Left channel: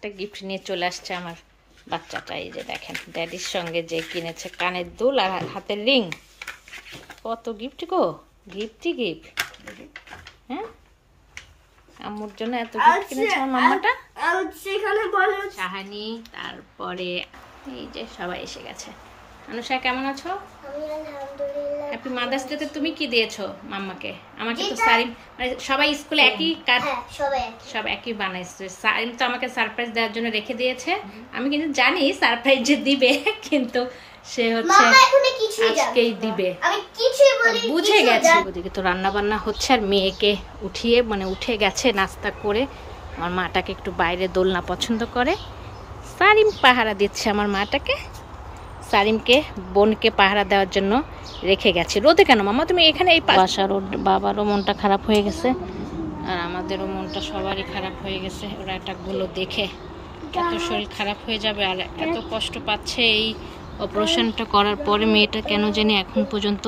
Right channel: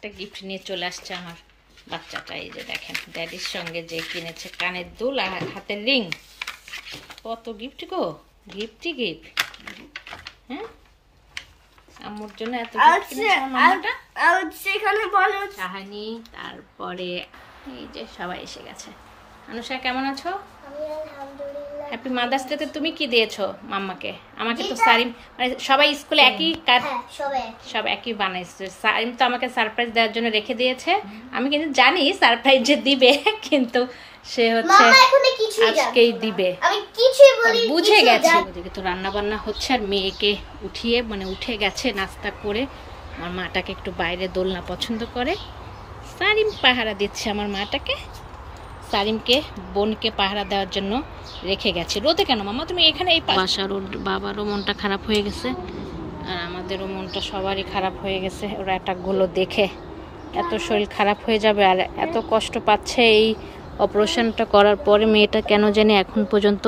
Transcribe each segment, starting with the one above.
একটা গিফট নিয়ে চলে আসছে আমার বাচ্চাটা। এই যে দেখেন, ড্যাডির সঙ্গে যে কিনেছে কানের দুল আর হাতের রিং। কত গিফট গো, গিফটই গিফট। হ্যাঁ, আম্মুর জন্য এত গিফট কিনেছে আমার মাম্মাটা। শাহানি, তারপরে এই যে সবাই এসে গেছে। অনুষা কেমন আছো? হ্যাপি মাদার্স ডে তে তুমি কি দিয়েছো মাম্মাকে? আমাকে তো সারিম, মানে সবাই স্কুলে একই কাজ, সব একই বানাইছে। সারিম তো আমাকে সারপ্রাইজ দেওয়ার জন্য রেখে দিয়েছে। আমি কিন্তু জানি সারপ্রাইজ যে দিবে, কিন্তু সে হচ্ছে আজকেই দিবে, বুঝে গেছে। ওদিকে তো রান্না বান্না হচ্ছে আর মেয়েকে উঠিয়ে, মানে উঠে গেছে নাস্তা করে। আমার মাটাকে একটু বাইরে দোলনা পছন্দ করে। সারিম পাহারা দিচ্ছে আমার মাটাকে। সারিমকে বোনকে পাহারা দেওয়ার জন্য রেখে গেছে। রোদে কেন মামা তুমি এখানে? এই বাসার ওর বাবারও মনটা খারাপ হয়ে গেছে আর আমাদেরও মনটা সবারই খারাপ হয়ে গেছে। ওরা অ্যাটাকগুলো দেখে এত শরীর খারাপ হয়ে যাবে আর এত কষ্ট পাচ্ছে। এই অপারেশনটা করার পরে মেয়েটা কেন জানি এখন পর্যন্ত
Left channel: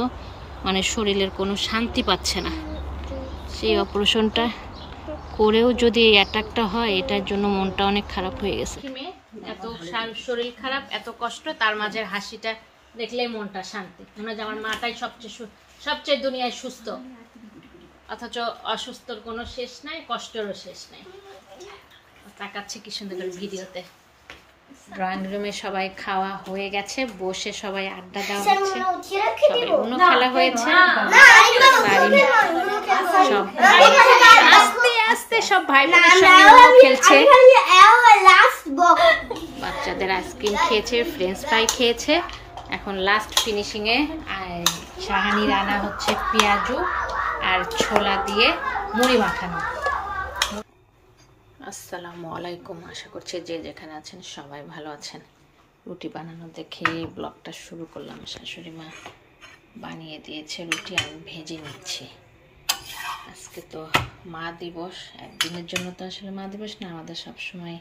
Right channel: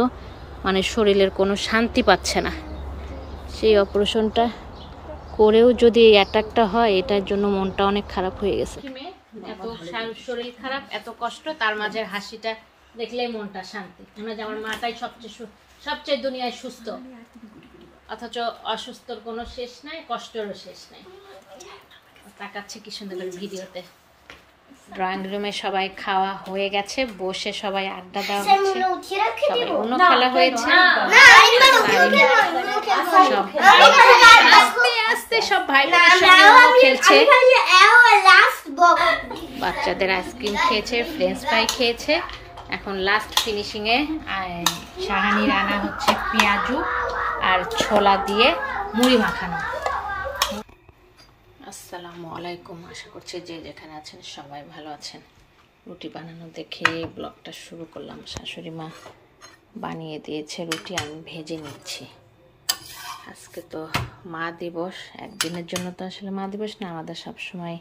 মানে শরীরের কোনো শান্তি পাচ্ছে না। সেই অপারেশনটা করেও যদি এই অ্যাটাকটা হয়, এটার জন্য মনটা অনেক খারাপ হয়ে গেছে। এত শরীর খারাপ, এত কষ্ট, তার মাঝে হাসিটা দেখলেই মনটা শান্তি। মনে হয় আমার মাটাই সবচেয়ে দুনিয়ায় সুস্থ, অথচ অসুস্থর কোনো শেষ নাই, কষ্টেরও শেষ নাই। তাকাচ্ছে কি সুন্দর করে ভিডিওতে। ড্রয়িং রুমে সবাই খাওয়া হয়ে গেছে, বসে সবাই আড্ডা দেওয়া হচ্ছে, সবাই উনো খেলা হয়েছে। সব আস্তে আস্তে সব ভাই বোনের সঙ্গে উনো খেলছে। বাচ্চাদের আইসক্রিম খেয়েছে, ফ্রেঞ্চ ফ্রাই খেয়েছে। এখন লাস্ট ফিনিশিং এ শাহানি রান্না হচ্ছে পেঁয়াজু আর ছোলা দিয়ে মুড়ি মাখানো। আসসালামু আলাইকুম, আশা করছি যে যেখানে আছেন সবাই ভালো আছেন। রুটি বানানো দেখে ব্লগটা শুরু করলাম। শাশুড়ি মা বানিয়ে দিয়েছে রুটি, আমি ভেজে নিচ্ছি। আজকে তো মা দিবস, একদিনের জন্য তো আসলে মা দিবস না, আমাদের সবসময়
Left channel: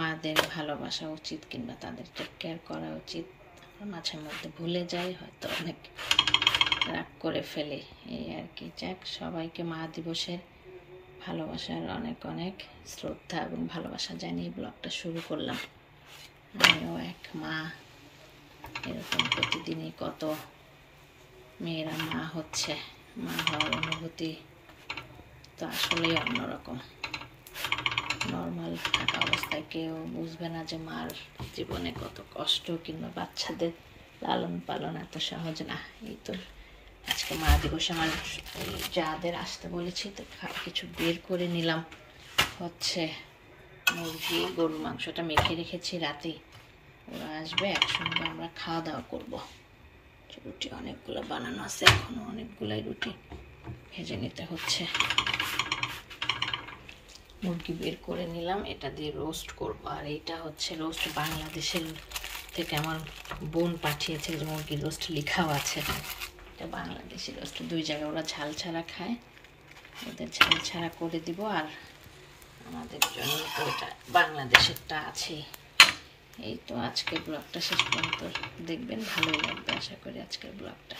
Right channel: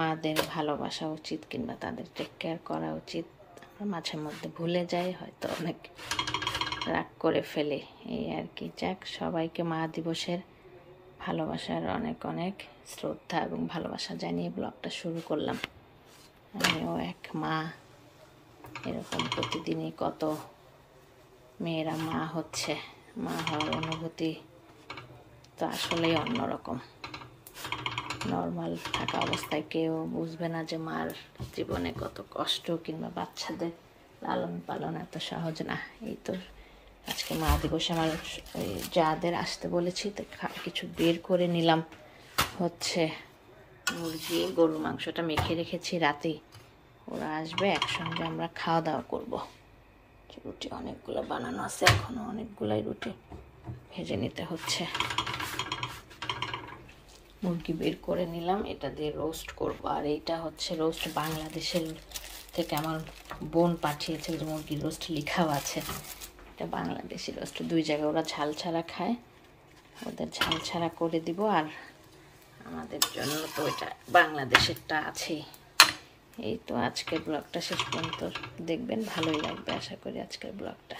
মাদের ভালোবাসা উচিত কিংবা তাদের টেক কেয়ার করা উচিত। আমরা মাঝে মধ্যে ভুলে যাই, হয়তো অনেক রাগ করে ফেলে, এই আর কি। যাক, সবাইকে মা দিবসের ভালোবাসার অনেক অনেক শ্রদ্ধা এবং ভালোবাসা জানিয়ে ব্লগটা শুরু করলাম। আমিও এক মা, এরকম প্রতিদিনই কত মেয়েরা মা হচ্ছে। মা হওয়ার অনুভূতি তো আসলেই অন্যরকম। নর্মাল থাকা অবস্থায় কেউ বুঝবে না যে মার জীবনে কত কষ্ট, কিংবা বাচ্চাদের লালন পালন এত সহজ না। এই তো আজকে মা দিবসে আমার যাদের আসতে বলেছি, তো কিছু বের করে নিলাম। হচ্ছে মুরগি, গরুর মাংসটা মেখে রেখেছি রাতেই, ওরা আসবে, একসঙ্গে আমরা খাওয়া দাওয়া করবো। রুটি অনেকগুলো বানানো আছে, এখনো অনেকগুলাই রুটি ভেজে নিতে হচ্ছে। মুরগি বের করে নিলাম, এটা দিয়ে রোস্ট করব। আর এইটা হচ্ছে রোস্ট, বাংলাদেশের থেকে আমার বোন পাঠিয়েছে, যে মুরগির রোস্ট লেখাও আছে। এটা বাংলাদেশি রোস্ট, দুই জায়গায় ওরা ঝাল ছাড়া খায়, ওদের ঝাল ছাড়া করে দিব। আর আমাদের জন্য তো এটা বাংলাদেশেরটা আছেই। এই তো আজকের ব্লগটা শেষ পর্যন্ত দেখবেন, ভালোই লাগবে আশা করি আজকের ব্লগটা।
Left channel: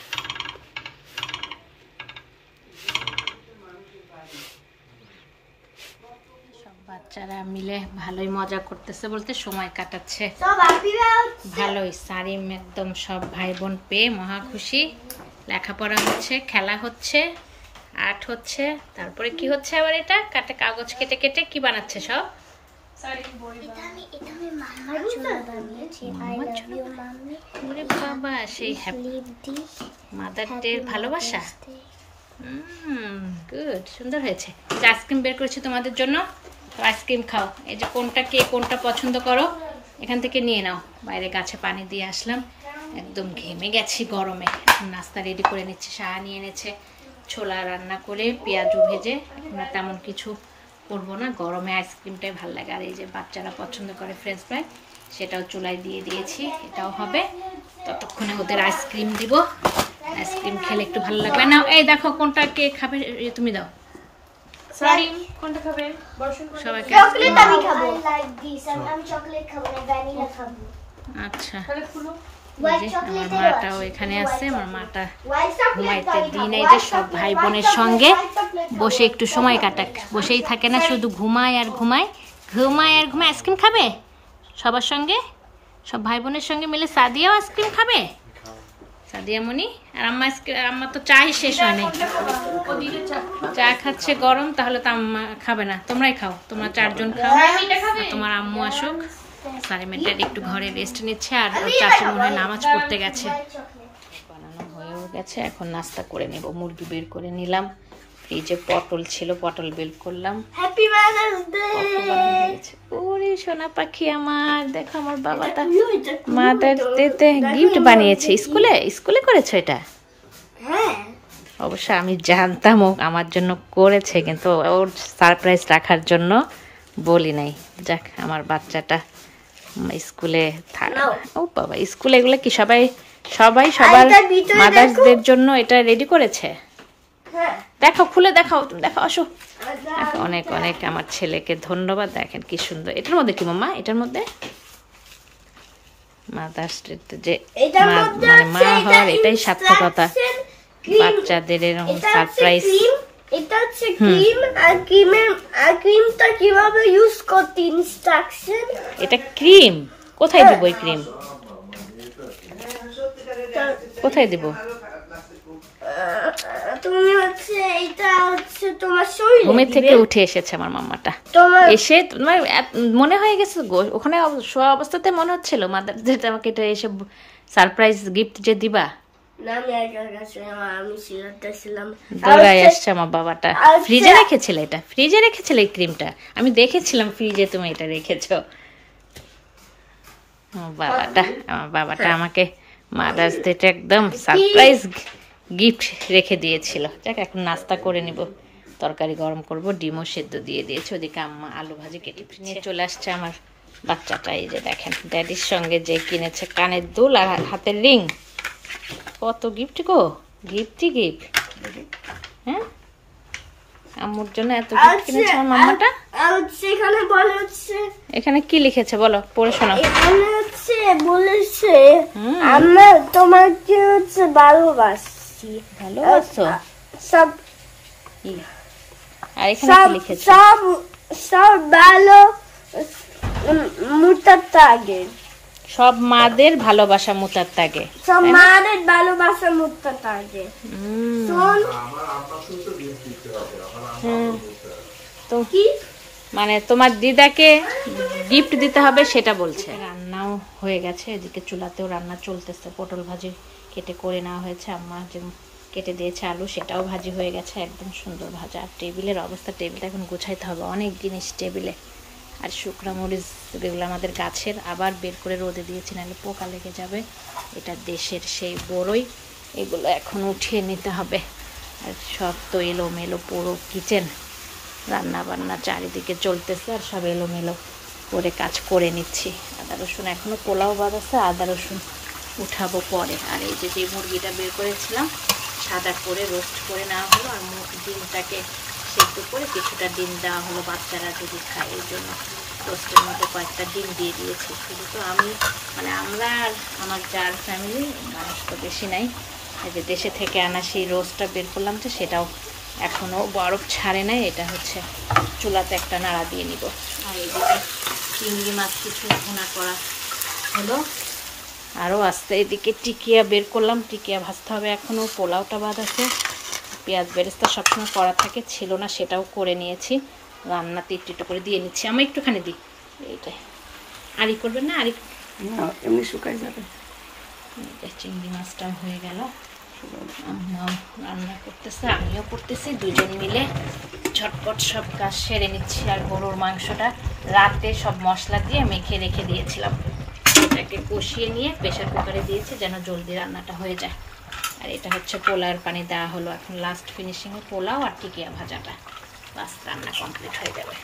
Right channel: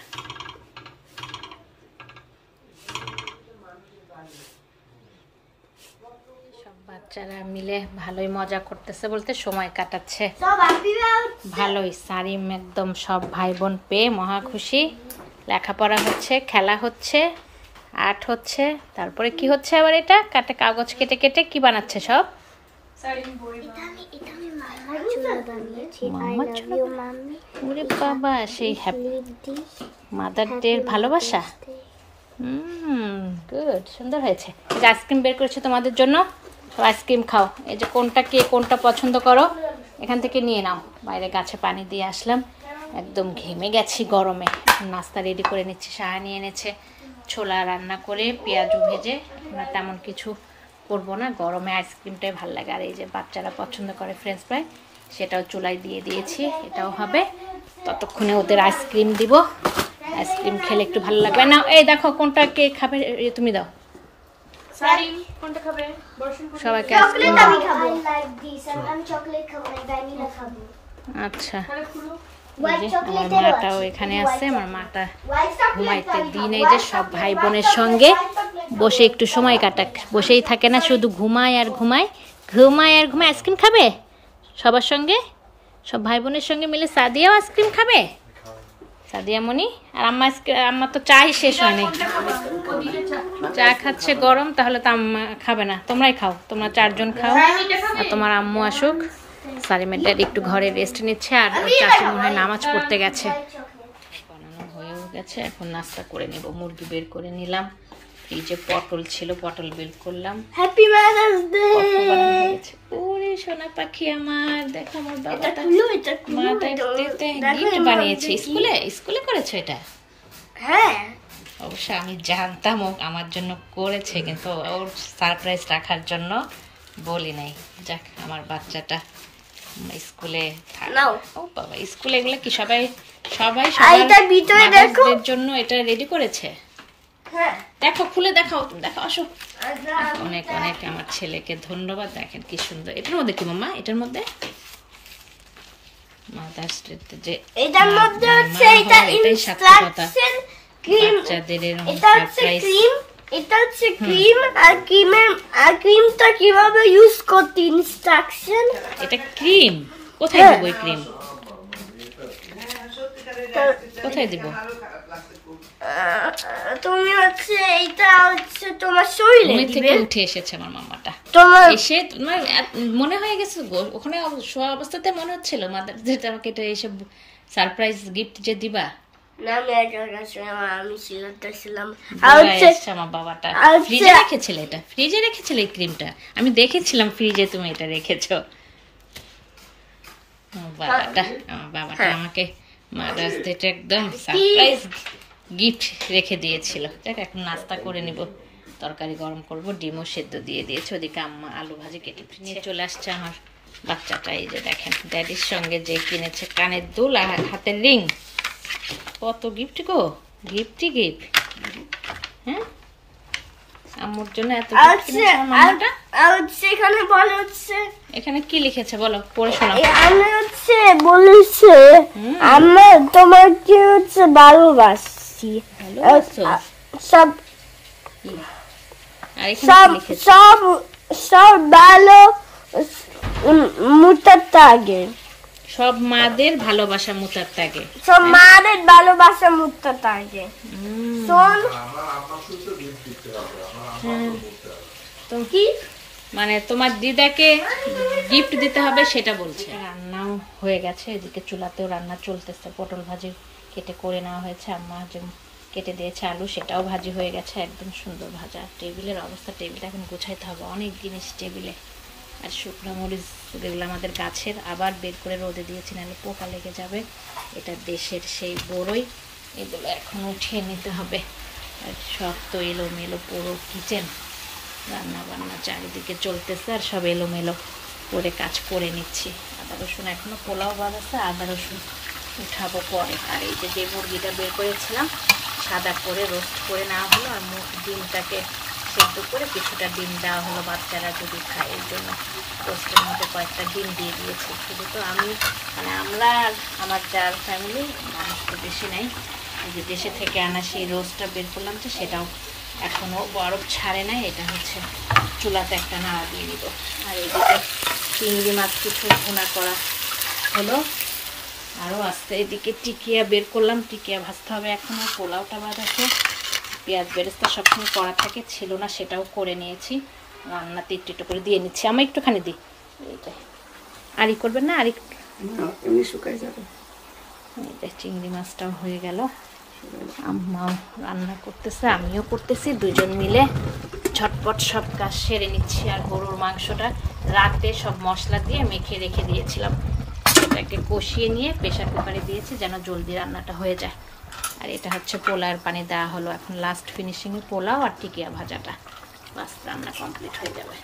সব বাচ্চারা মিলে ভালোই মজা করতেছে, বলতে সময় কাটাচ্ছে ভালোই। সারিম একদম সব ভাই বোন পেয়ে মহা খুশি। লেখাপড়া হচ্ছে, খেলা হচ্ছে, আর্ট হচ্ছে, তারপরে কি হচ্ছে আবার, এটা কাটে কাগজ কেটে কেটে কি বানাচ্ছে সব। বাবা, সেই মাদার ডে ভালোবাসা। গুড, সুন্দর হয়েছে। আইসক্রিম বের করেছে তোমাদের জন্য, আইসক্রিম খাও। এই যে কোনটা কে কোনটা পছন্দ করো এখান থেকে নিয়ে নাও। বাইরে গাছে পানি দিয়ে আসলাম, একদম ঘেমে গেছি গরমে। নাস্তা রেডি করে নিচ্ছি। শাহানি এনেছে ছোলা রান্না করে পেঁয়াজু ভেজে। এখন আর তেমন কিছু করবো না, গরমে আইসক্রিমটাই ভালো লাগে। আর এই যে বাচ্চারা পছন্দ করে ফ্রেঞ্চ ফ্রাই, সেটাও চুলায় দিয়ে দিয়েছি, এটাও হবে। ততক্ষণে ওদের আইসক্রিম দিব। আইসক্রিম খেলে একটু ভালো লাগবে না। এই দেখো কোনটা কে খাবে, তুমি দাও। কোনটা খাবে? সবাইকে আইসক্রিম দাও। আচ্ছা, আমার মাটাও এখানে আছে। আমার মাটা ঘুমাইতে দিই নাই, যে সব ভাই বোনের সঙ্গে বসে একটু সময় কাটাক। বসেই থাকে না, শুধু ঘুমায় আর ঘুমায়। ঘুমায় আর ঘুমায় আইসক্রিম খাবে সবার সঙ্গে, সব ভাই বোনের সঙ্গে মিলে সাদিয়াও আইসক্রিম খাবে। সাদিয়া মনি আর আম্মা, আম্মা তো চাই শেষ হয়নি, চা খাচ্ছে গরম, তাহলে তো আম্মা খাবে না, তোমরাই খাও, তোমরা 4 জন খাও। তোমার আম্মু আসুক। সালিমের ড্যাডি একটু ঘরে রেস্ট নিচ্ছে, আর ওর চাচি মনে হয় নামাজ পড়তে গেছে। বানানো হয়েও গেছে, এখন নাস্তা করে নেব। মুরগি বের করে নিলাম, ফ্রিজে পটল ছিল, পটল বের করলাম। Happy mother's day. বানানো হয়ে গেছে। ওরে সোনা পাখি আমার, দেখো আমার বাবাটা মাদার্স ডেতে গিফট বানিয়েছে। স্কুলে করেছো এটা? হ্যাঁ অবশ্য আমি জানতাম ও আমার জন্য করেছে, কিন্তু ওর সারপ্রাইজ রাখার জন্য বলি নাই। যাক, আমার বাচ্চাটা স্কুলে ও বাবা, স্কুলে এগুলো কি সবাই সবার মাদার্স ডের জন্য এটা রেডি করেছে? দেখো, খুলে দেখাও, তুমি দেখো, আসো। অনেক অনেক আমার ছেলেকে ধন্যবাদ। দেখেন কি সুন্দর। এটার মধ্যে কি মাম্মা? এটার মধ্যে মাদার্স ডে যে এটাই সার্থকতা, বাচ্চাদের এরকম সারপ্রাইজ। এটা হচ্ছে ক্রিম, আর ক্রিমটা কিভাবে ইউজ করতে ইনস্ট্রাকশন। এটা ক্রিম কোথায় দিব? এই ক্রিম কোথায় দিব? তুমি হচ্ছে এটা হচ্ছে তোমার শরীরে ঘুমের থেকে উঠে এসেছে আমার মাম্মাটা, এসে তোমার মনে হয়ে গেছে ওখানে শোয়া অবস্থাতে মনে হচ্ছিল মাদার্স ডে আমাকে এটা এসে সারপ্রাইজ গিফট যে দিবা। আমার বাবাটা ফ্রিজে রেখেছিল, এটা ফ্রিজে রেখেছিল এই ক্রিমটা, আমি দেখেছিলাম ফ্রিজে তুমি এটা রেখেছো। আমার বাবাটা আমাকে মাদার্স ডেটা একদম সারপ্রাইজ গিফট রেখে দিয়েছিল। দেখ, এখন নাস্তা করে নিব, তরকারি গরম করব, ডিমও সেদ্ধ দিয়ে দিয়েছে। ওদিকে আম্মা আলু ভাজি কেটে নিয়ে চলে আসছে আমার বাচ্চাটা। এই যে দেখেন, ড্যাডির সঙ্গে যে কিনেছে কানের দুল আর হাতের রিং। কত গিফট গো, গিফটই গিফট। হ্যাঁ, আম্মুর জন্য এত গিফট কিনেছে আমার মামাটা। এখানে বলে হচ্ছে, এখানে কি লিখেছে বলো, পড়ে শোনাও। এখানে হচ্ছে বলেছে আমরা তোমাকে হচ্ছে ভালোবাসি। ভালোবাসো সব, আর এখানে কি লিখেছে? সব ভালো মুতার তাগে, সব মাদের ভালোবাসা মুতার তাগে, সব মাদের ভালোবাসা মুতার তাগে। শোন, তো কি মানে তোমার দিদাকে গিফট দিতে হবে সেটা বলছে। রান্নাও হয়ে গেছে, এদিকে চুলাতেও রান্না চলতেছে। পটল ভাজি কেটে করে নেওয়া হয়েছে, আম্মা যে কেটে দিয়েছে আলু, সেটাও ভাজি হয়ে গেছে, একদম সুন্দর ভাজা। আর টেবিলের অবস্থা, টেবিলটা এখন গোছাইতে হবে, অনেক জিনিস টেবিলে। আর শুকনো মরিচ যেগুলো আমাদের গাছের, আবার বের করে রোদে দিয়েছি, নাহলে পোকা লেগে যাবে। এটা দেশের সেই বড়ই, এগুলো এখন উঠিয়ে নিতে হবে। আর সব তো এলোমেলো পুরো কিচেন, রান্না বান্না চারিদিকে চলতেছে, আর সব এলোমেলো করে কাজ করে নিচ্ছি। আদা রসুন এখনো পোলাও বানাচ্ছে, আদা রসুন উঠাবো পরে। আর এই যে মুরগিটা বের করেছিলাম, সাদা করে রোস্ট করে নেওয়া হলো, আর ডিমটাকে সেদ্ধ করে কিছুটা ডিম দেওয়া হলো, বাচ্চারা যদি খায় এই জন্য রোস্টের মধ্যে কয়েকটা ডিম দিয়ে দিয়েছি। শুধু তো আমি, মানে আমরা আর আমার যার ফ্যামিলি, মানুষ তো বেশি নাই। এই যে দেশে থেকে আনা সেই রোস্টটা বের করলাম, যে সেটাও এখনও বরফ ছাড়ে নাই। এটা হচ্ছে চুলাতে একটা নাড়া দিয়ে নিব। আর এদিকে চিংড়ি মাছ কিছু ভুনা করা হলো, আরও আস্তে। এদিকে টিকিয়া বের করলাম, টিকিয়া ভাজতে হবে এখনও। পোলাওটা বাদ আছে, পেঁয়াজ বেরেস্তা সবসময় করা থাকে, ছিল না, সেটাও করে নিয়েছি। রান্নাতে একটু করে দিয়ে নিচ্ছি, আমি একটুখানি দিই। এইটাই আরই করবেন না? আরই শুকাই যাবে। চিংড়ি মাছটাও হয়ে গেল, আম্মাও রান্না করতেছে, আমিও করতেছি, দুজন মিলে ঝটপট সব কাজ সেরে নিচ্ছি। আর গরুর মাংসটা রাতে সব মশলা দিয়ে মেখে রেখে দিয়েছিলাম, সেটাকে কষিয়ে নিয়ে প্রেশার কুকারে দিয়েছি যেন জলদি রান্নাটা হয়ে যায়। আর এটা হচ্ছে পোলাওয়ের পানি দেওয়া হলো, এখন লাস্ট ফিনিশিংয়ে পোলাও আর টিকিয়া ভাজাটা, বাস রান্না কমপ্লিট হয়ে যাবে।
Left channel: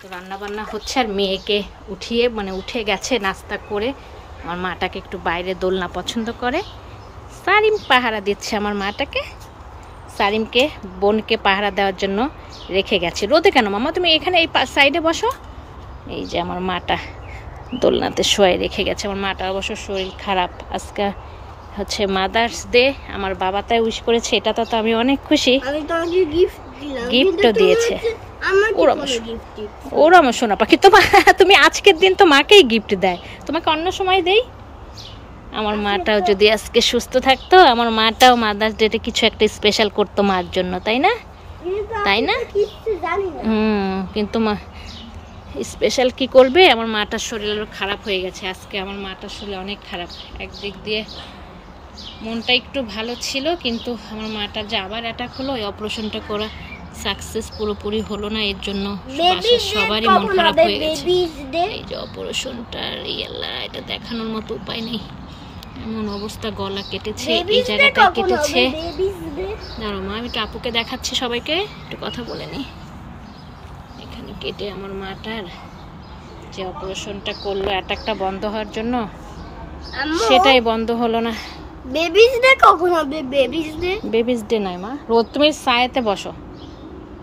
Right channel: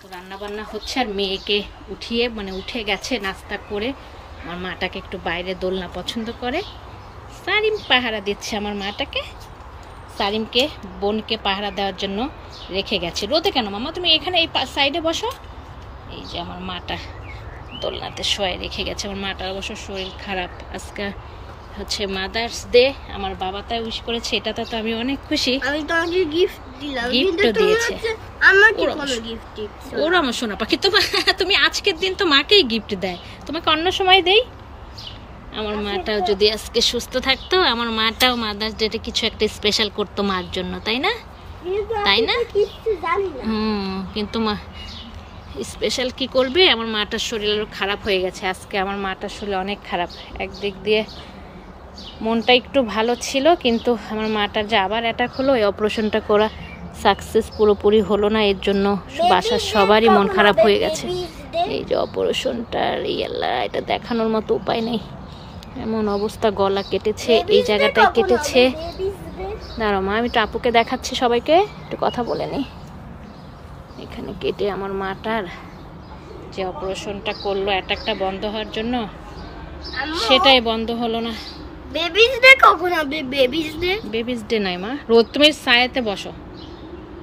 তো রান্না বান্না হচ্ছে, আর মেয়েকে উঠিয়ে, মানে উঠে গেছে নাস্তা করে। আমার মাটাকে একটু বাইরে দোলনা পছন্দ করে, সারিম পাহারা দিচ্ছে আমার মাটাকে। সারিমকে বোনকে পাহারা দেওয়ার জন্য রেখে গেছে। রোদে কেন মামা, তুমি এখানে এই সাইডে বসো। এই যে আমার মাটা দোলনাতে শোয়ে রেখে গেছে। আমার মাটা অবশ্য শরীর খারাপ, আজকে হচ্ছে মাদার্স ডে, আমার বাবা তাই উইশ করেছে, এটাতে তো আমি অনেক খুশি। আমি তোমাকে গিফট দিলাম, গিফটও দিয়েছে। ওর আমার সোনা পাখি। তুমি আজকের দিন তো মাকেই গিফট দেয়, তোমাকে অন্য সময় দেই। আমার মাটাও যদি আজকে সুস্থ থাকতো, আমার মাটাও মাদার্স ডেতে কিছু একটা স্পেশাল করতো মার জন্য, তাই না? তাই না? কিন্তু মা স্পেশাল কি করবে? আমার মাটার শরীর আরো খারাপ হয়ে গেছে আজকে। আমার মাটার শরীর অনেক খারাপ। একদিক দিয়ে মনটা একটু ভালো ছিল, কিন্তু আমার মাটার যে আবার অ্যাটাক হলো, এই অপারেশনটা করা সাকসেস পুরোপুরি হলো না। এর জন্য বাসার সবারই মন খারাপ হয়ে গেছে। এই যে অপারেশনটা, এটা দেখানোর মতো উপায় নেই, এমন অবস্থা। গলা কেটেছে, এই জায়গাটায় কেটেছে। দাঁড়াও মা, আমি একটু আপুকে দেখাচ্ছি, সবাইকে একটু কথা বলে নিই। এখানে কেটে আমার মাটার যে অপারেশনটা করলো অ্যাটাকটা বন্ধ হওয়ার জন্য, সেটাই বন্ধ হলো না। বেবিস ডে কখন হবে? বেবিস ডে নাই মা, রোজ তুমি ছায়াতে বসো।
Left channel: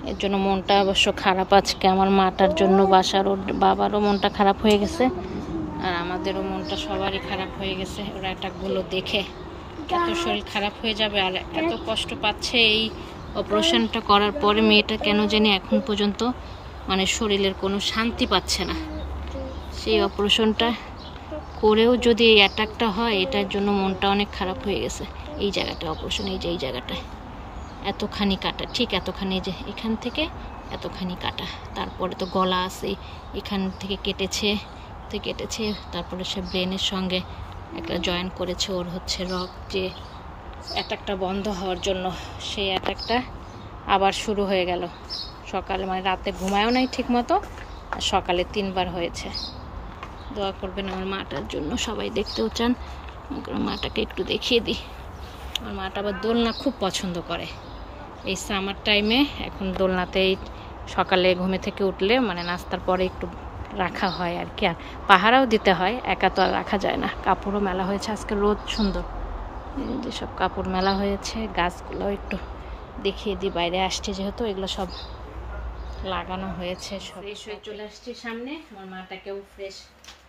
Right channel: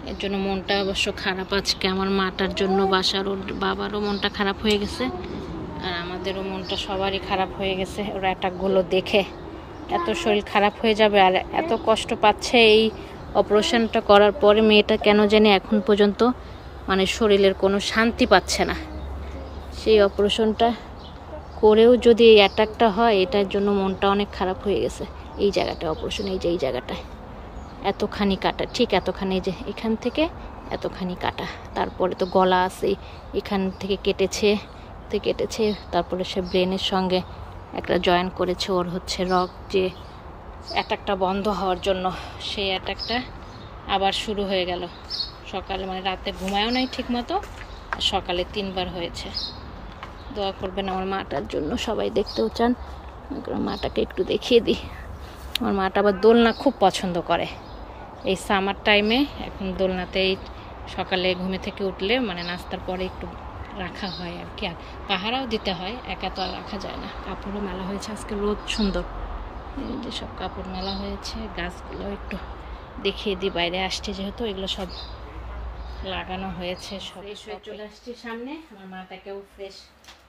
এর জন্য মনটা অবশ্য খারাপ আজকে আমার মাটার জন্য। বাসার ওর বাবারও মনটা খারাপ হয়ে গেছে, আর আমাদেরও মনটা সবারই খারাপ হয়ে গেছে। ওরা অ্যাটাকগুলো দেখে এত শরীর খারাপ হয়ে যাবে, আর এত কষ্ট পাচ্ছে এই অপারেশনটা করার পরে। মেয়েটা কেন জানি এখন পর্যন্ত মানে শরীরের কোনো শান্তি পাচ্ছে না। সেই অপারেশনটা করেও যদি এই অ্যাটাকটা হয়, এটার জন্য মনটা অনেক খারাপ হয়ে গেছে। এই জায়গাটা অপারেশন, এই যে এই জায়গাটায় এতখানি কাটা, ঠিক এতখানি, যে এখান থেকে এতখানি কাটা। তারপরে তো গলা আছে, এখান থেকে কেটেছে, তারপরে সে ব্রেনের সঙ্গে একটা জয়েন করেছে। ওর হচ্ছে রক্ত যে অ্যাটাকটা বন্ধ হওয়ার জন্য, সেই অ্যাটাকটা আবার শুরু হয়ে গেল। সকালে মানে রাতে ঘুমায়ও নাই ঠিক মতো, আর সকালে 3 বার হয়েছে। দোয়া করবেন আমার মাটার জন্য, সবাই দেখতেও চান। মাটাকে একটু দেখিয়ে দিই। আমার মাটা আবার দোলনা খুব পছন্দ করে। এই সামার টাইমে এখন দোলনাতেই সকালে ঘুমে থেকে উঠলে মানে নাস্তার পরে একটু রাখা হয় আর কি। আর পাহারাও দিতে হয়, একা তো আর রাখা যায় না। কাপড়ও মেলা হয়েছে আজকে, রোদ সুন্দর, এই যে সব কাপড় মেলা হয়েছে। গাছগুলোও একটু দেখিয়ে দিই, বাইরে আসছে যেহেতু, এগুলো সব লাগানো হয়েছে। ফ্রেশ হয়ে চলে আসছি সামনে। আমার মাটাকেও ফ্রেশ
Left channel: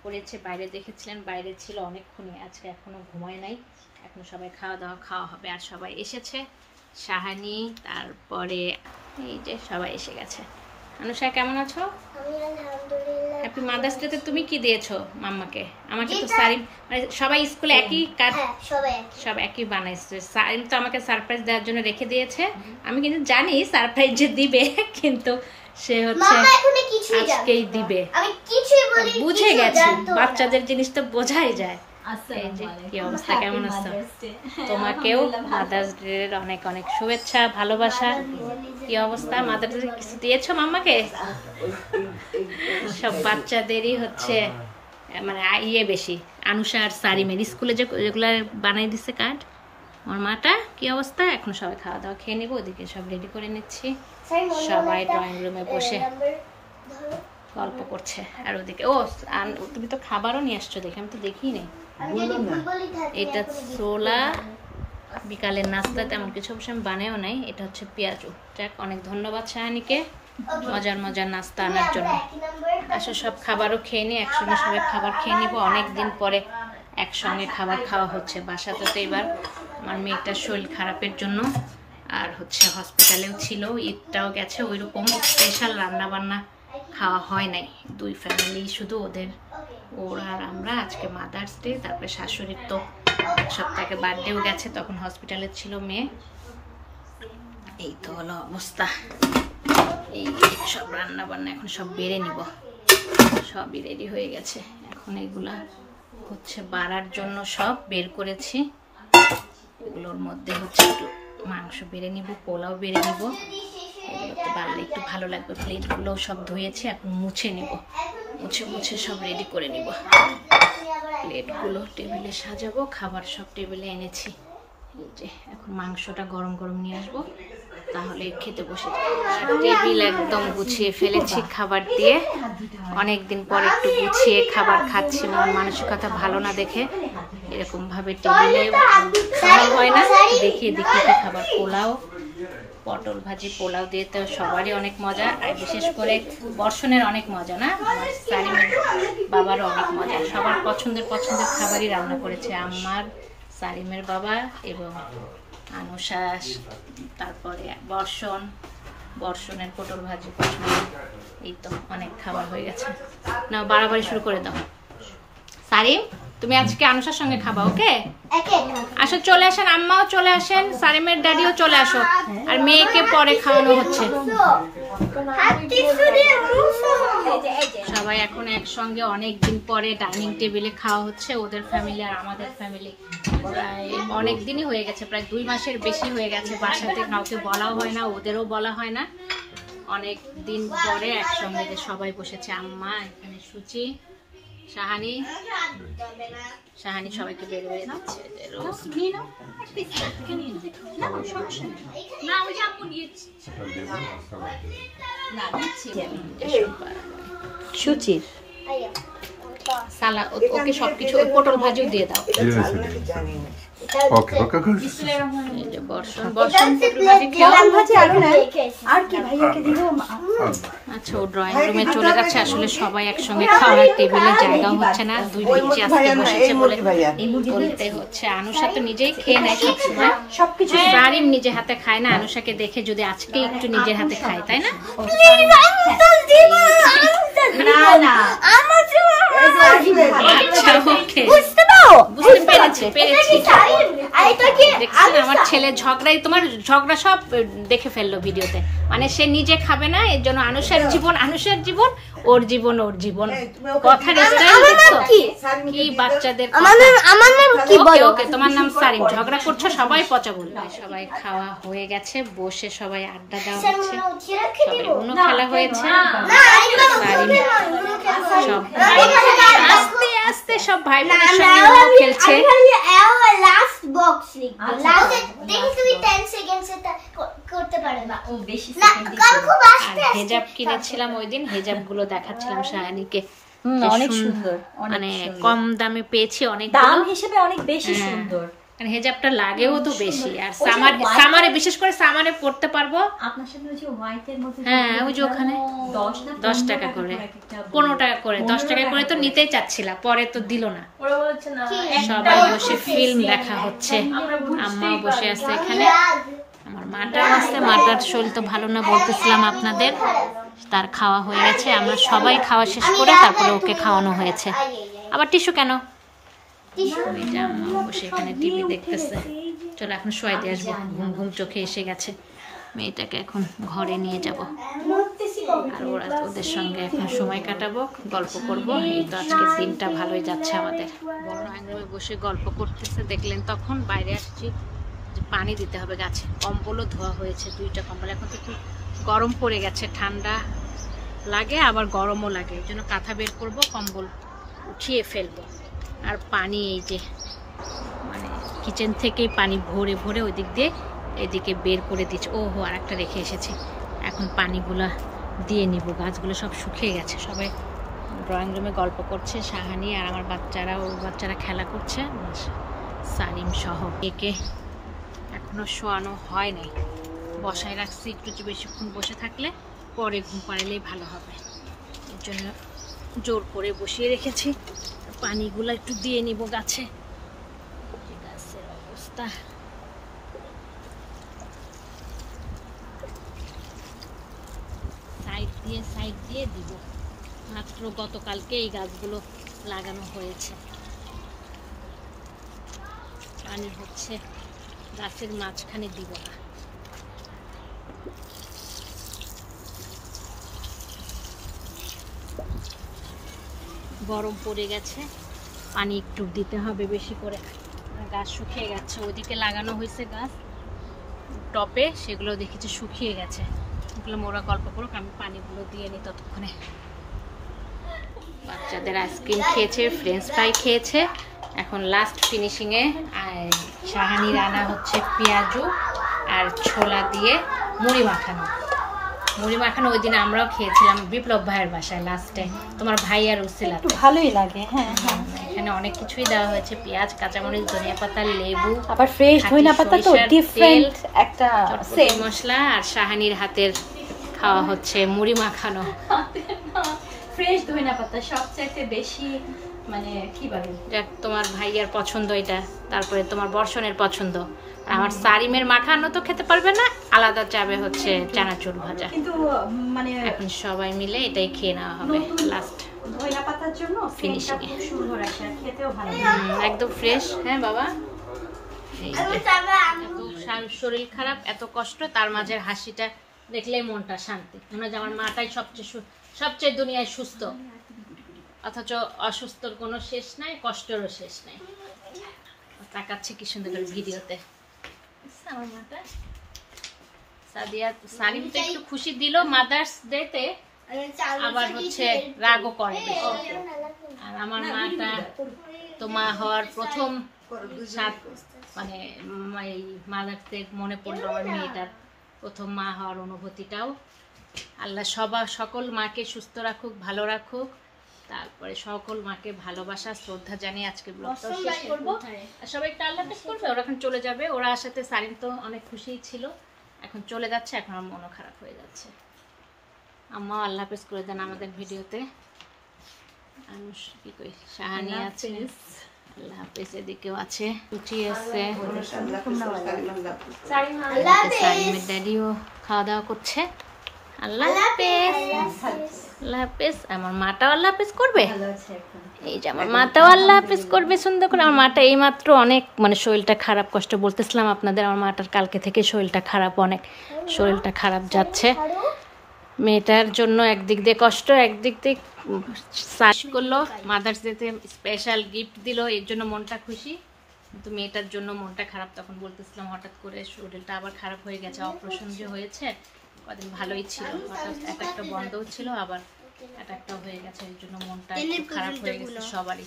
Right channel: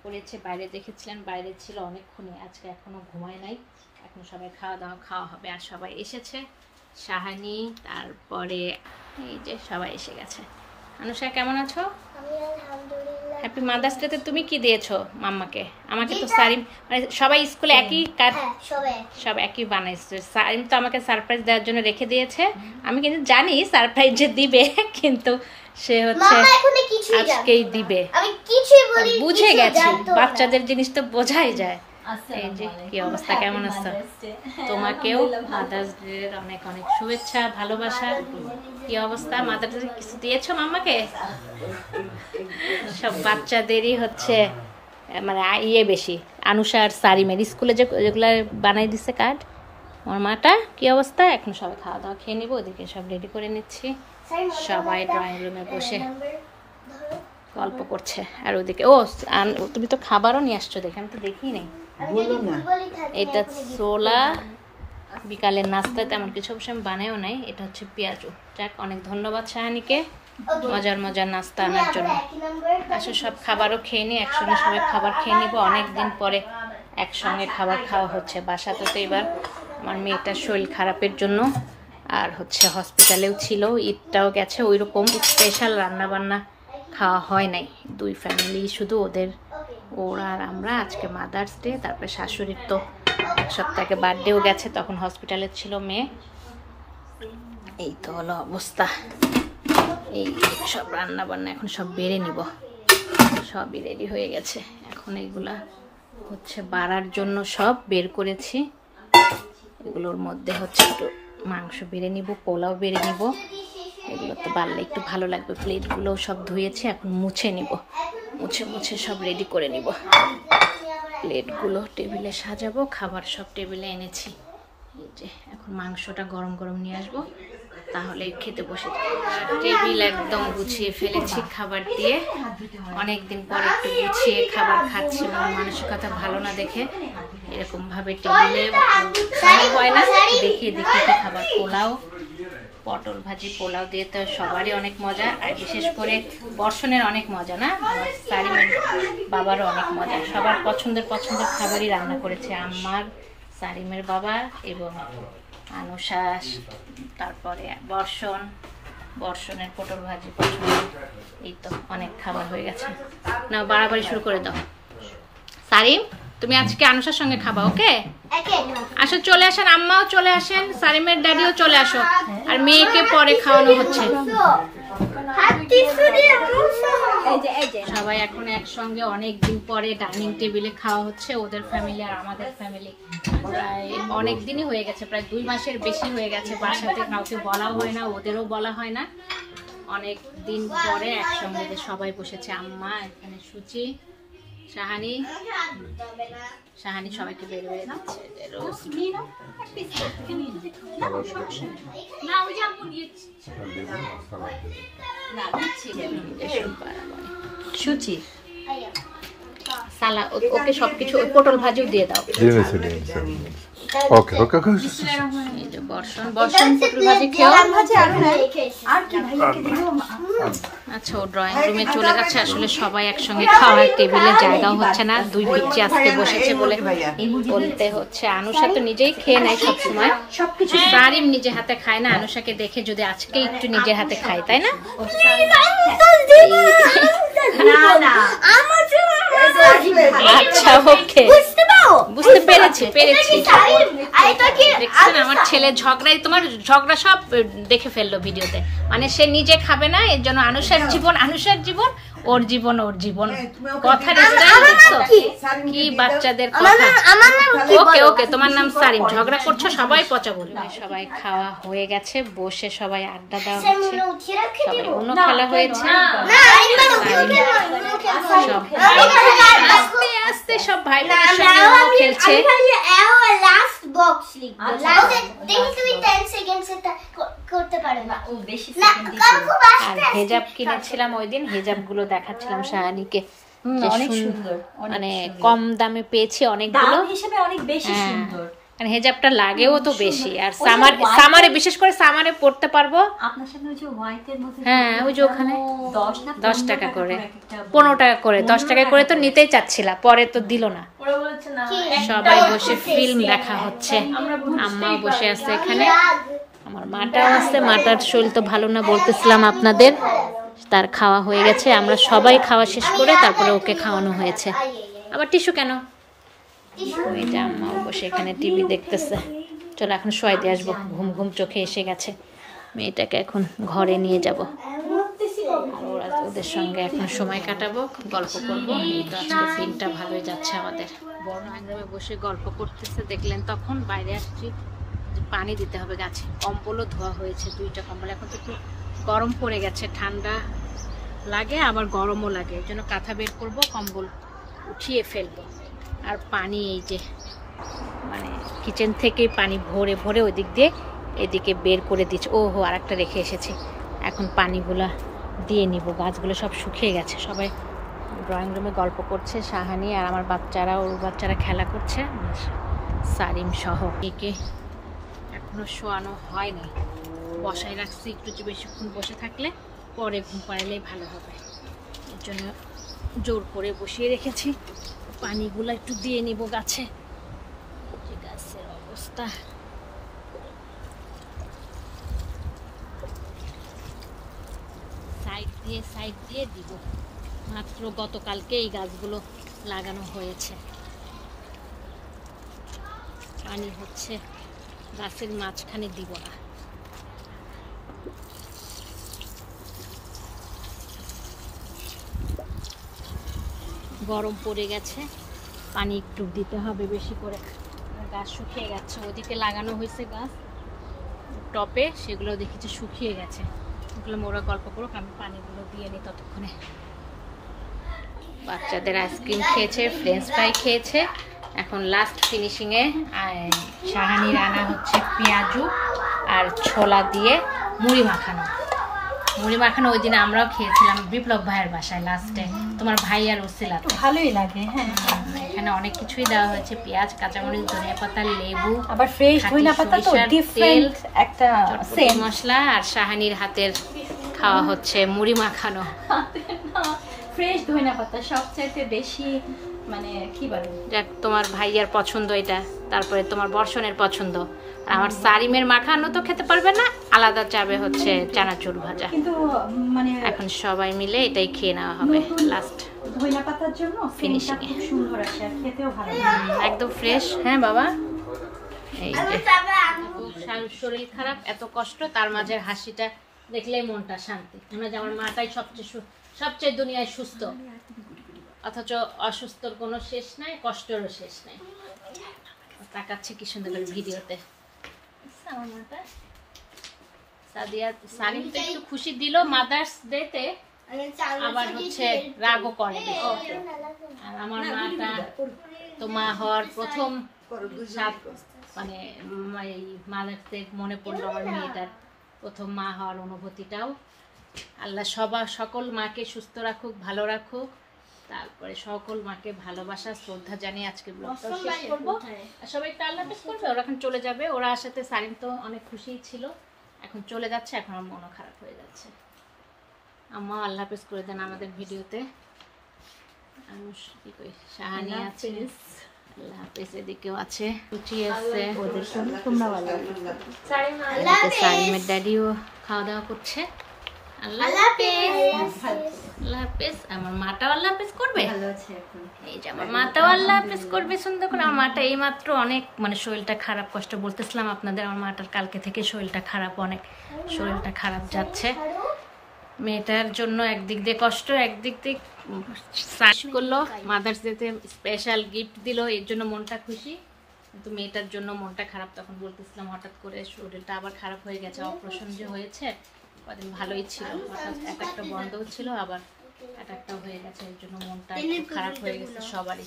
করেছে। বাইরে দেখেছিলেন, বাইরে ছিল অনেকক্ষণই, আজকে এখনো ঘুমায় নাই। এখন সবাই খাওয়া হবে, আর সবাই এসেছে। শাহানি, তারপরে এই যে সবাই এসে গেছে। আনুষা কেমন আছো? হ্যাপি মাদার্স ডে তে তুমি কি দিয়েছো মাম্মাকে? আমাকে তো সারিম, মানে সবাই স্কুলে একই কাজ, সব একই বানাইছে। সারিম তো আমাকে সারপ্রাইজ দেওয়ার জন্য রেখে দিয়েছে। আমি কিন্তু জানি সারপ্রাইজ যে দিবে, কিন্তু সে হচ্ছে আজকেই দিবে। বুঝে গেছি, বাচ্চাদের জিনিস তো বোঝাই যায়। এই যে কি অবস্থা, কেমন আছো? তোমাকেও মাদার্স ডে এর অনেক অনেক শুভেচ্ছা, ভালোবাসা। কি অবস্থা, মাদার্স ডে কিছু দিয়েছো মাম্মাকে? সব বাচ্চাদেরই হচ্ছে মানে বেশি। আনুষা আর সারিমের স্কুলে যেগুলা বানাই দিছে কার্ড। আমার মাটা কি অবস্থা? এখন সবাই খাওয়া দাওয়া খেয়ে নিবো, ওদিকে সব রেডি করে নিচ্ছি। সবাই ড্রয়িং রুমে বসে গল্প করছে। আর ওদিকে তুমি তো খাবারও নিয়ে আসছো, দেখে আমি তো দেখিই নেই। এটা ছোলা, বিকালের নাস্তা তেমন কিছু অবশ্য আমি বানাইও নাই। এটা হচ্ছে পেঁয়াজু। যাক, অনেক ধন্যবাদ শাহানিকে মজার মজার নাস্তা আনার জন্য। আসলে সব খাবারও খেয়ে নিই, একসঙ্গে সবাই খাবার খেয়ে নিব। অনেকদিন পরে একসঙ্গে খাবার খাওয়া হচ্ছে। বাসাতে তো এবার আমার মেয়েটার শরীর খারাপের জন্য আর হচ্ছে হসপিটালেও ছিল, ঈদটাও গেছে, ওই রকম স্পেশাল রান্না বান্না খাওয়া হয় নাই। 2 ফ্যামিলি শুধু, ওরা আর আমরা। আজকে মাদার্স ডে, তারপরে শাশুড়ির তো 1 সপ্তাহ আগে বার্থডেও গেছে, তখন হসপিটালে ছিল মেয়ে। এই তো হলো অবস্থা। এই সব রান্না বান্না এখন সব বেড়ে নিব, সবই রেডি হয়ে গেছে। এখন এইগুলা হচ্ছে বাড়ার জন্য সব বের করেছি। এগুলোর মধ্যে হচ্ছে একটু মাংস বেড়ে নিব, পোলাও বেড়ে নিব। এগুলোতে বাড়লে একটু ভালো লাগবে। প্লেটগুলো সব ধুয়েছি, এখন মুছে নিব। মুছে সব রেডি করে নিব। প্লেটগুলো টেবিলে সাজাবো, খাবার সব টেবিলে এনেছি। এই যে এখন মাংসটা গরম গরম নিয়ে আসবো, তাহলে খেতে বসে যাবো। টেবিল একদম গুছিয়ে ফেলেছি খাবার দিয়ে। অনেকদিন পর একটু গুছিয়ে খাবার খাচ্ছি, মন মানসিকতা ভালো না দেখে এরকম ভাবে টেবিলে খাওয়া হয় না। দেখিয়ে কি খাবার, পোলাও, পটল ভাজি, পোলাও দিয়ে তো সবারই অনেক মজা, আর বিশেষ করে বর্ষণের অনেক মজা না, আমার সারিমের বাবারও অনেক মজা। সবার পছন্দের খাবারই রান্না করেছে আমার, সারিমের বাবা এবং আনুশাস, তারপরে বর্ষণ, বর্ষণের পটল ভাজি পছন্দ। এই তো অনেক খাবার হয়ে গেছে, না বাড়াবাড়ি শুরু করে দাও। সারিম তুমি আজকে আনুষার সঙ্গে খাবা, ওকে? আসো, চলে আসেন, আম্মাও চলে আসেন, সারিমের ড্যাডিও চলে আসো। আর মেয়েকে পরে খাওয়ানো হচ্ছে। সবাই এখন একসঙ্গে অনেকদিন পরে ডাইনিং টেবিলে খাওয়া হচ্ছে, ওদের ফ্যামিলি আর আমাদের ফ্যামিলি। প্রায় অনেক দিনই হয়ে গেছে, প্রায় 2 মাসের বেশি হয়ে গেছে। বাসাতে কাউকে বলাও হয় না, ওদেরও বলা হয় না। অনেক দিন পরে একসঙ্গে যে সবাই বসেছে। আম্মা, এখানে সুচি, শাহানি সবাইকে বেড়ে বেড়ে দিচ্ছে। সুচি সালা ওকে সবকিছু, ওই পটল ভাজিও দিয়ে দাও। ওকে ওকে ওকে এই যে বর্ষণ পটল ভাজি খেও। আচ্ছা, ও ড্রয়িং রুমে চলে গেছে। আসলে সবাই একসঙ্গে খাওয়ার টেবিলে জায়গাও হচ্ছে না, 2 পিচ্চি আজকে বসেছে বলে বলতে হচ্ছে। আনুষা তো নিজেই খেয়ে নেয় সবসময়, সবকিছু সারিম নিজে হাতে খায় না। আনুষাকে দেখে যদি আজকে একটু নিজের হাতে খায়, তাই না? আচ্ছা, ওকে, বুঝতে পেরেছি। দেখছেন আমার ছেলে ঝগড়াই, তোমার ঝগড়া সব দেখে ফেললো ভিডিওতে। মানে সে নিজে খাবে না, এর জন্য আনুষার জীবন ওর জীবন ওর জীবন। কথার স্টাইল দেখছো কি বাচ্চাদের কথা। ওকে ওকে, তোমার নাম সারিম, ঝগড়া করছো, সবাই পচা বলবে। সবাই খাওয়া হয়ে গেছে, বসে সবাই আড্ডা দেওয়া হচ্ছে, সবাই উনো খেলা হয়েছে। সারিম সব আস্তে আস্তে সব ভাই বোনের সঙ্গে উনো খেলছে। আর হেজাব কিনেছিলাম ওই দিন, হেজাব গুলো দেখাচ্ছিলাম শাহানিকে, মানে কম দামে পেয়েছি অনেকগুলো। হেজাবটা লাগেও তো বেশি, আর সামারে বিশেষ করে সামারে পড়তে পারবো। হ্যাঁ, ওই যে ওখানে 10 টাকা করে, 15 টাকা করে, 10 টাকা করে তো নিতেই চাচ্ছিলা, পরে তো দিল না। সবাই বসে ফিল্ম দেখা হচ্ছে, আম্মাও বসে আছে এখানে, আমার মাটাও আছে। মাটার শরীর তো ভালো না বলতেছিলাম আপনাদের, তার খাওয়া হয়ে গেছে। আমরা সবাই খাওয়া শেষ করে তারপরে ওকে খাওয়ানো হয়েছে। আবার টিস্যু কেন? আম্মাও বসে এখানে টিভি দেখতেছে। চলো এখন শোয়াই দিয়ে আসবো, ঘুম ঘুম চোখে এসে গেছে। মেয়েটাকে এখন ঘরে নিয়ে যাব, আর ওদের সঙ্গে এখন সময় কাটাবো, গল্প করব। এই তো আজকের দিনটা ভালোই যাচ্ছে আমাদের। ড্রয়িং রুমে বসে গল্প করতেছে দেখলেন, তখন বাইরে আসছি যে পানি দিতে হবে গাছে। কম্বলও ধোয়া হয়েছে, 2টা কম্বল। এখন তো একটু গরম পড়ে গেছে, ঠান্ডা লাগে আবার গরমও লাগে, এই জন্য কাঁথা বের করব, কম্বল উঠিয়ে ফেলবো। আর পানি এই যে মানে কিচেন থেকে পানি ভরে ভরে ওই দিক দিয়ে এদিকে বের করে দিচ্ছে। ওহো, আর একটা রেখে এসেছি, এখন পানিগুলা দিয়ে নিব। গাছগুলো সব শুকিয়ে গেছে। সবাই ড্রয়িং রুমে গল্প করছে, শাহানি আর আমার বাচ্চারা, ওর বাচ্চারা খেলা করছে, সারিম সহ। একে এখনো শোয়ানো হয় নাই, বসায় রাখছি। একটু বেশিক্ষণ বসে থাকলে পরে ঘুম পাড়ালেই ভালো হবে, এর জন্য জোর করে বসিয়ে রেখেছি। পানিগুলো একটু দিয়ে নিব গাছে। গাছের অবস্থা সাইড দিয়ে দিব। মাত্র গতকালকে এই গাছগুলো লাগানো হয়েছে। পানি হচ্ছে গাছের মাঝখানে দিব না। গরম পড়ে গেছে, পানি একটু দিতে হবে বেশি করে। গাছ শুকিয়ে গেছে, ওদিকে লাগানো হয়েছে গাছ টপে, সেগুলো দেখেছি শুকিয়ে গেছে। ওগুলো মোরা গল্প করুক, আমি পানিগুলো দিয়ে নিই ততক্ষণে। বাচ্চাদের আইসক্রিম খেয়েছে, ফ্রেঞ্চ ফ্রাই খেয়েছে। এখন লাস্ট ফিনিশিংয়ে শাহানি রান্না হচ্ছে পেঁয়াজু আর ছোলা দিয়ে মুড়ি মাখানো। মুড়ি মাখানো ওই দিন আমরাও খেয়েছিলাম বিপ্লব ভাইয়ের বাসায় লাস্টে, তোমার ভাই আর উসিলাতে। ভালোই লাগে। হ্যাঁ, এখানে অনেক কিছুই দেওয়া হয়েছে, পেঁয়াজ, কাঁচামরিচ, ধনিয়া পাতা, লেবু, আবার ফ্রেশ ধনিয়া পাতা, তেল, একটা চটপটি মশলা। আর শাহানির হাতের খাওয়া হচ্ছে মুড়ি মাখানো। ফ্রেশ ধনিয়া পাতা সবচেয়ে বেশি, মানে কি বলে, যাক তোমার ভাইয়ার পছন্দ এটা, তারপরে তোমার বর্ষণের পছন্দ, আর আমার সারিমের মাখানো তো খেতে পারবে না, আলাদা যাবে হচ্ছে চানাচুর ভাজা। কিন্তু মানে এখন সবাই মিলে এটাই খেয়ে নেওয়া হবে লাস্ট ধইনা পাতার জন্য ফিনিশিং ফিনিশিং খুব সুন্দর আসে আর খেতেও ভালো লাগে। একদম ফ্রেশ। হ্যাঁ বাবা, এই যে এত শরীর খারাপ, এত কষ্ট, তার মাঝে হাসিটা দেখলেই মনটা শান্তি। মনে হয় যে আমার মাটাই সবচেয়ে দুনিয়ায় সুস্থ, অথচ অসুস্থর কোনো শেষ নাই, কষ্টেরও শেষ নাই। তাকাচ্ছে কি সুন্দর করে ভিডিওতে আমার মাটা। সাদিয়া সালিম তো একটু খুশি দিল মাদার্স ডেতে, আবার হচ্ছে রাগও করে বেশি। আর আমার মাটা তো মা হওয়ার প্রথম মানে এই মাদার্স ডে মনে পড়লো আমার মেয়েটার প্রথম মা হওয়ার অনুভূতিটাও। আল্লাহ সকল মাকে সুস্থ রাখুক, ভালো রাখুক। তারপরে সকল মাকে ভালোবাসা শ্রদ্ধা জানিয়ে আজকে ব্লগটাও শেষ করবো। আর সবাই একটা আল্লাহ হাফেজ করবে, ওরা এখন চলে যাবে। ওরা সাথে সারিম তো অনেক খুশিই ছিল, এখন চলে যাচ্ছে, এখন আমার মনও খারাপ হয়ে যাচ্ছে। আম্মা আল্লাহ হাফেজ করে দেন আমাদের ভিডিওতে। কি কই, শাহানি আছে, আল্লাহ হাফেজ, এদিকেও আছে, রুচি আছে, সারিমের দাদিও খাওয়া দাওয়া করছে। আল্লাহ হাফেজ, আল্লাহ হাফেজ। আমার মাটাও আল্লাহ হাফেজ করবে, এই যে আমার মাটাও আল্লাহ হাফেজ করবে সুন্দর করে। আমার মাটা এইমাত্র অনেক মানে শরীরটা খারাপ, কষ্ট বলতেছিলাম আপনাদের, আমার মাটার কালকে থেকে শরীরটা খারাপ, অনেক শরীরটা খারাপ যাচ্ছে। মেয়েটার জন্য একদিক দিয়ে কষ্ট, একদিক দিয়ে সার্চ করলো, মাদার্স ডেতে স্পেশাল গিফট দিল, এর জন্য মনটা খুশি। কিন্তু মেয়েটার জন্য মনটা খারাপ। তখন বলতেছিলাম হঠাৎ করে শরীরটা আবার খারাপ হয়ে গেছে, অপারেশন যে হয়েছে, কদিন ভালোই ছিল, হঠাৎ একটা বন্ধও ছিল, আবার একটাও হয়ে গেছে, এর জন্য মনটা একটু খারাপ হয়ে গেছে সবারই।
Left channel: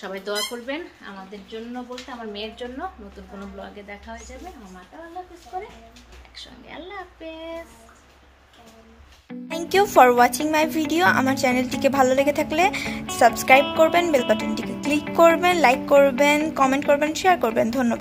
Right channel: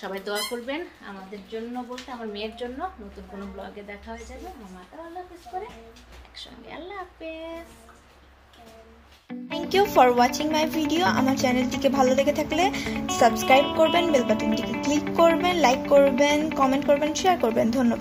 সবাই দোয়া করবেন আমাদের জন্য, বলতে আমার মেয়ের জন্য। নতুন কোনো ব্লগে দেখা হয়ে যাবে। আমার মাটাও আল্লাহ হাফেজ করে একসঙ্গে। আল্লাহ হাফেজ। Thank you for watching my video. আমার চ্যানেলটিকে ভালো লেগে থাকলে সাবস্ক্রাইব করবেন, বেল বাটনটিকে ক্লিক করবেন, লাইক করবেন, কমেন্ট করবেন, শেয়ার করবেন। ধন্যবাদ।